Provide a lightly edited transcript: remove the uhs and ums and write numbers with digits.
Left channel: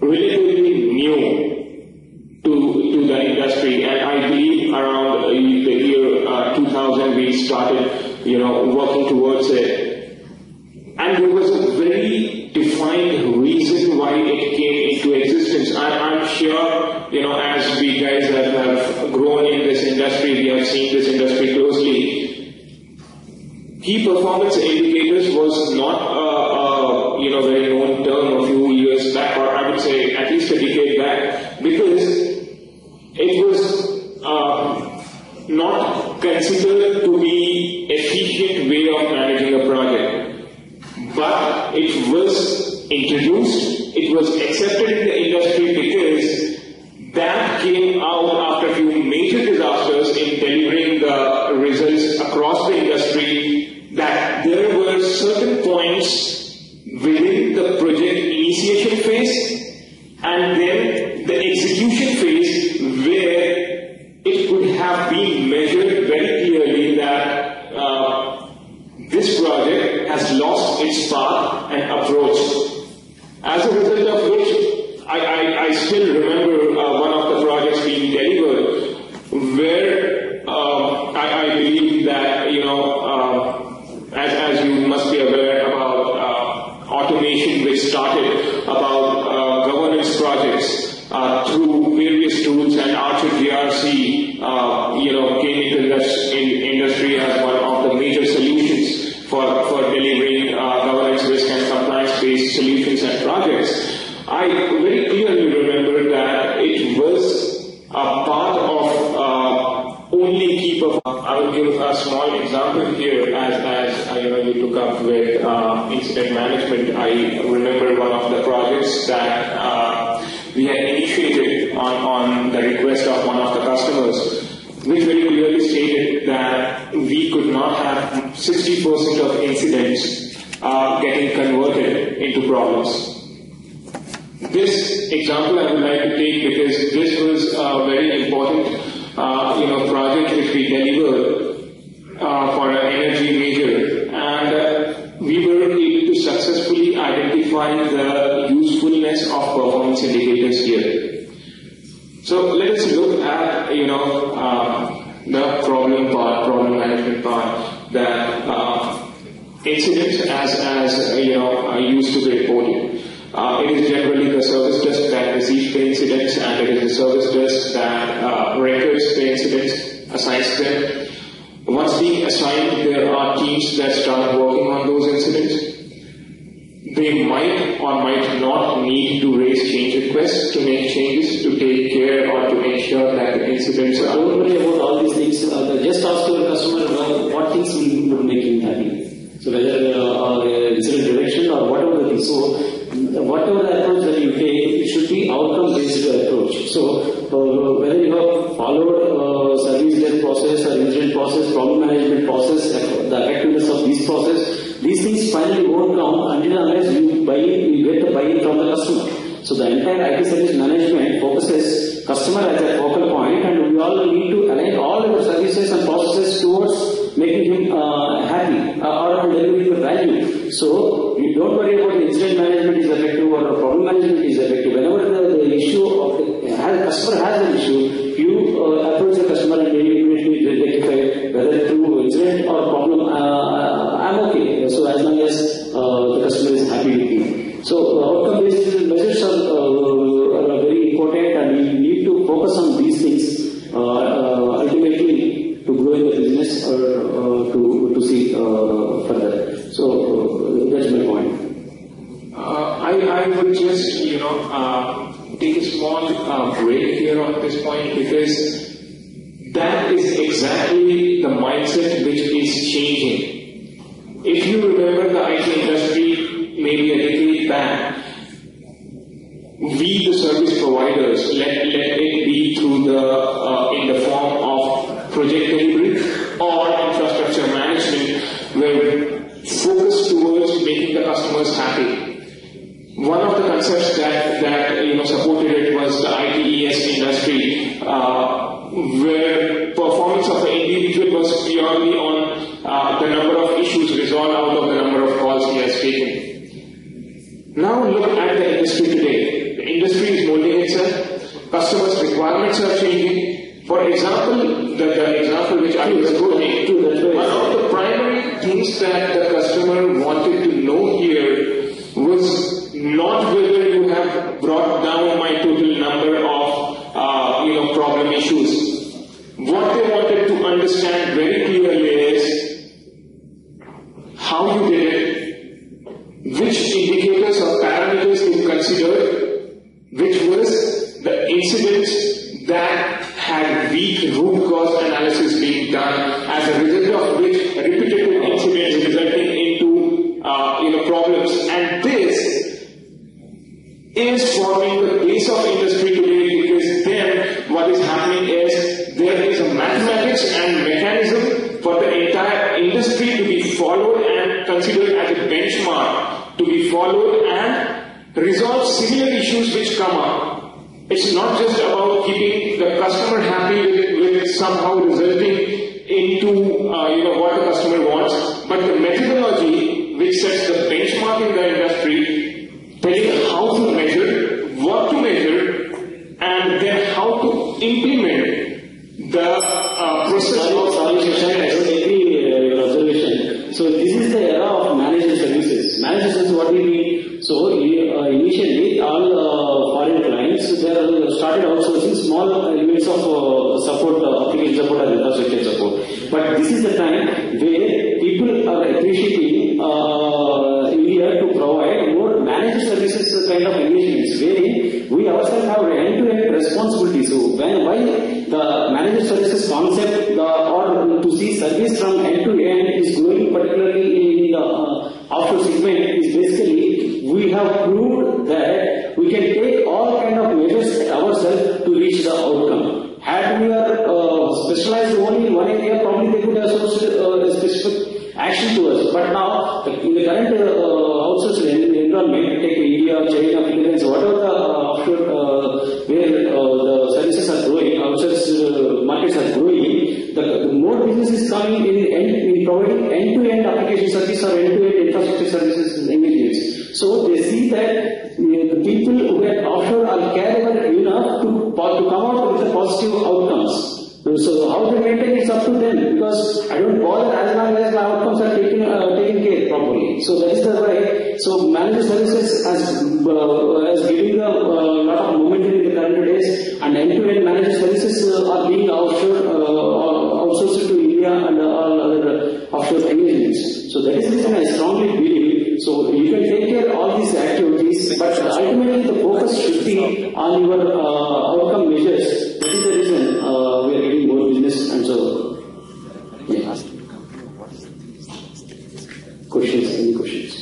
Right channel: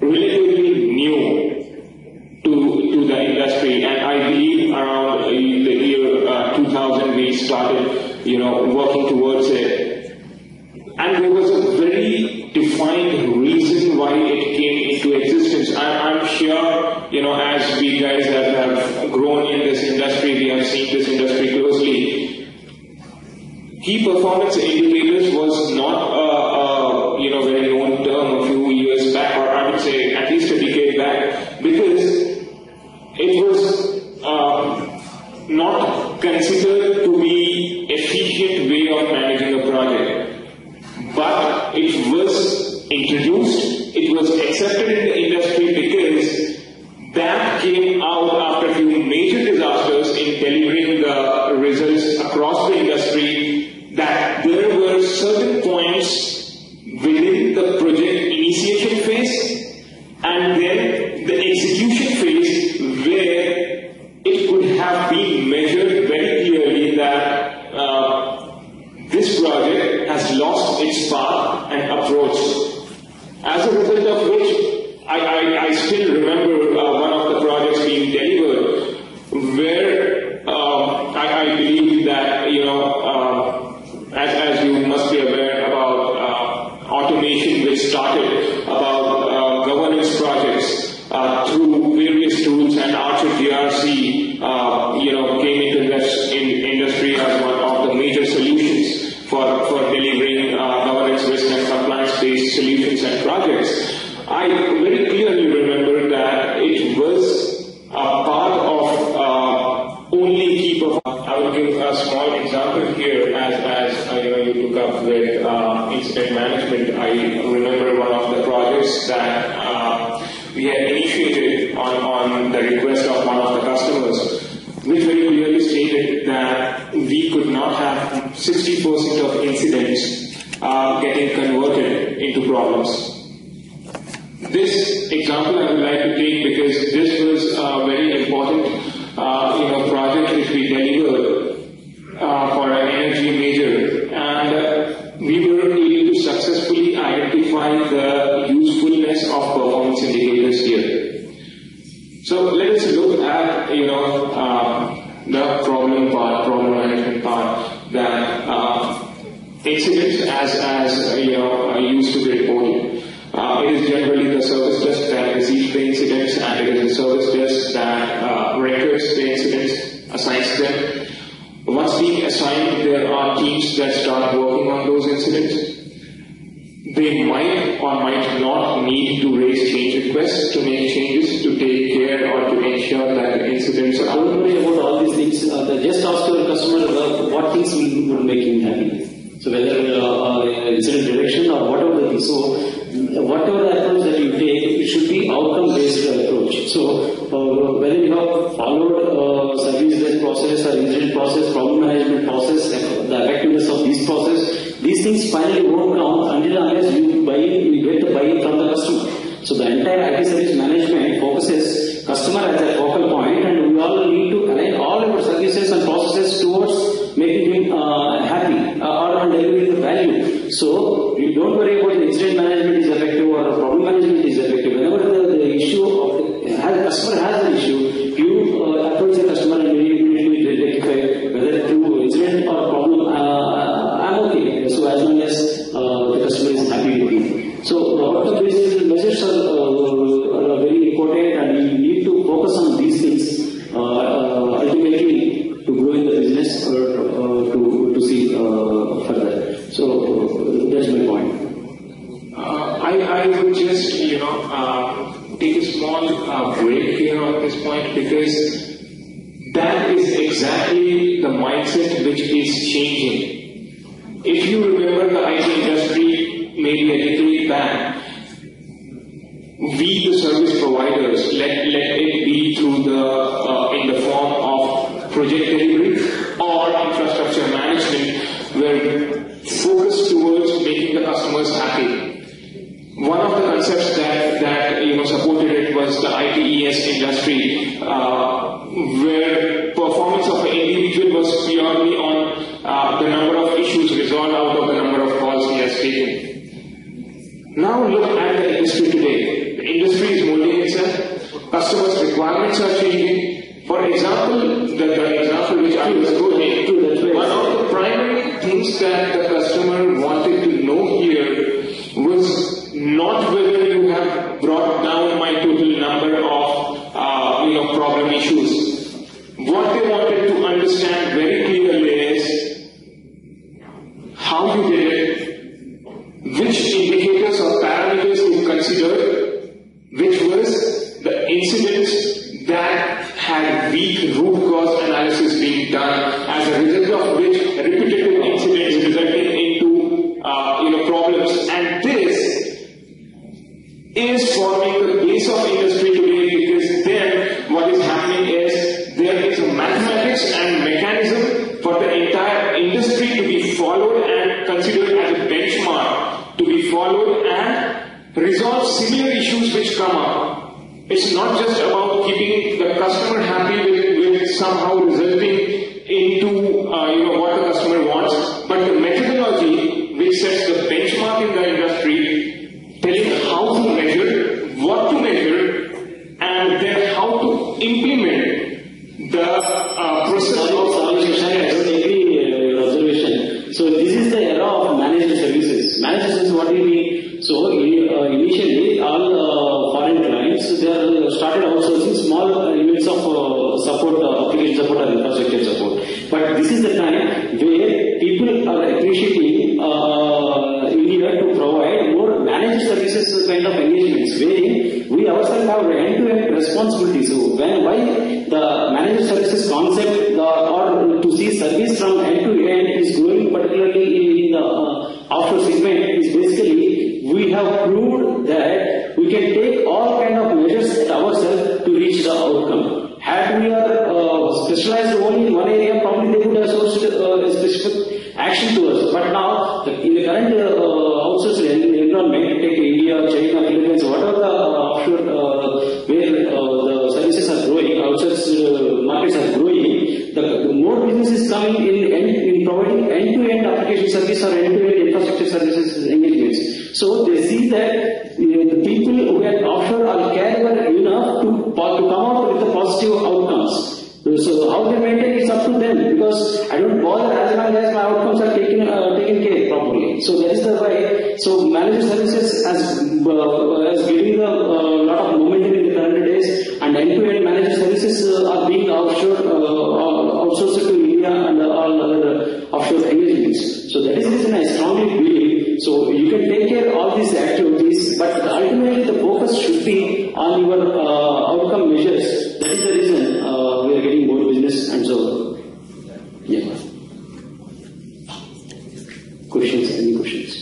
relatively new to the industry, and I believe around the year 2000 we started, working towards it. And there was a very defined reason why it came into existence. I'm sure, as we guys have grown in this industry, we have seen this industry closely. Key performance indicators was not a very known term a few years back, or I would say at least a decade back, because it was not considered to be efficient way of managing a project. But it was introduced, it was accepted in the industry because that came out after a few major disasters in delivering the results across the industry, that there were certain points within the project initiation phase and then the execution phase where it could have been measured very clearly that this project has lost its path and approach. As a result of which, I still remember one of the projects being delivered where I believe that, as you must be aware about automation which started, about governance projects through various tools, and Archer GRC came into this industry as one of the major solutions for delivering governance, risk and compliance-based solutions and projects. I very clearly remember that it was a part of only key performance. I will give a small example here as you took up with incident management. I remember one of the projects that we had initiated on the request of one of the customers, which very clearly stated that we could not have 60% of incidents getting converted into problems. This example I would like to take because this was a very important project which we delivered for an energy major, and we were able to successfully identify the usefulness of performance indicators here. So let us look at the problem management part, that incidents as used to be reported. It is generally the service desk that receives the incidents, and it is the service desk that records the incidents, assigns them. Once being assigned, there are teams that start working on those incidents. They might or might not need to raise change requests to make changes, to take care or to ensure that incidents are. Don't worry about all these things. Just ask your customer what things would make him happy. So whether incident reduction or whatever the thing. So whatever the approach that you take, it should be outcome-based approach. So whether you have followed service-based process or incident process, problem management process, the effectiveness of this process, these things finally won't come until unless you get the buy-in from the customer. So the entire IT service management focuses customer as a focal point, and we all need to align all our services and processes towards making him happy or delivering the value. So you don't worry about the incident management is effective or problem management is effective. Whenever the issue of the customer has an issue, you approach the customer and immediately rectify whether through incident or problem. I'm okay. So as long as the customer is happy with you. So the outcome-based measures are very important, and we need to focus on these things ultimately to grow in the business or to see further. So that's my point. I would just take a small break here at this point, because that is exactly the mindset which is changing. If you remember the IT industry maybe a decade back, we the service providers, let it be through in the form of project delivery or infrastructure management, were focused towards making the customers happy. One of the concepts that supported it was the ITES industry, where performance of the individual was purely on the number of issues resolved out of the number of calls he has taken. Now look at the not whether you have brought down my total number of problem issues. What they wanted to understand very clearly is how you did it, which indicators or parameters you considered, which was the incidents that had weak root cause analysis being done, as a result of which repetitive incidents resulting into problems. And this is forming the base of industry today, because then what is happening is there is a mathematics and mechanism for the entire industry to be followed and considered as a benchmark to be followed and resolve similar issues which come up. It's not just about keeping the customer happy with somehow resulting into what the customer wants, but the methodology which sets the benchmark in the industry, telling how to measure, what to measure, and then how to implement the process of solution. I don't agree your observation. So this is the era of managed services. Managed services, what do you mean? So initially all foreign clients, they are started outsourcing small units of support, application support and infrastructure support. But this is the time where people are appreciating India to provide more managed services kind of engagements, wherein we ourselves have end-to-end responsibility. So why the managed services concept or to see service from end-to-end is growing, particularly in the offshore segment, is basically we have proved that we can take all kind of measures at ourselves to reach the outcome. Had we are specialized only in one area, probably they could have sourced a specific action to us. But now, in the current outsourced environment, take India, China, Philippines, whatever the offshore where the services are growing, outsourced markets are growing, the more business is coming in providing end-to-end application service or end-to-end infrastructure services engagements. So they see that the people who are offshore are capable enough to come out with the positive outcomes. So how they maintain it's up to them, because I don't bother as long as my outcomes are taken care properly. So that is the way. So managed services has given a lot of momentum in the current days, and end-to-end managed services are being outsourced to India and all other offshore engagements. So that is the reason I strongly believe. So you can take care of all these activities, but ultimately the focus should be on your outcome measures. That is the reason we are getting more business and so. Yeah. Questions? Any questions?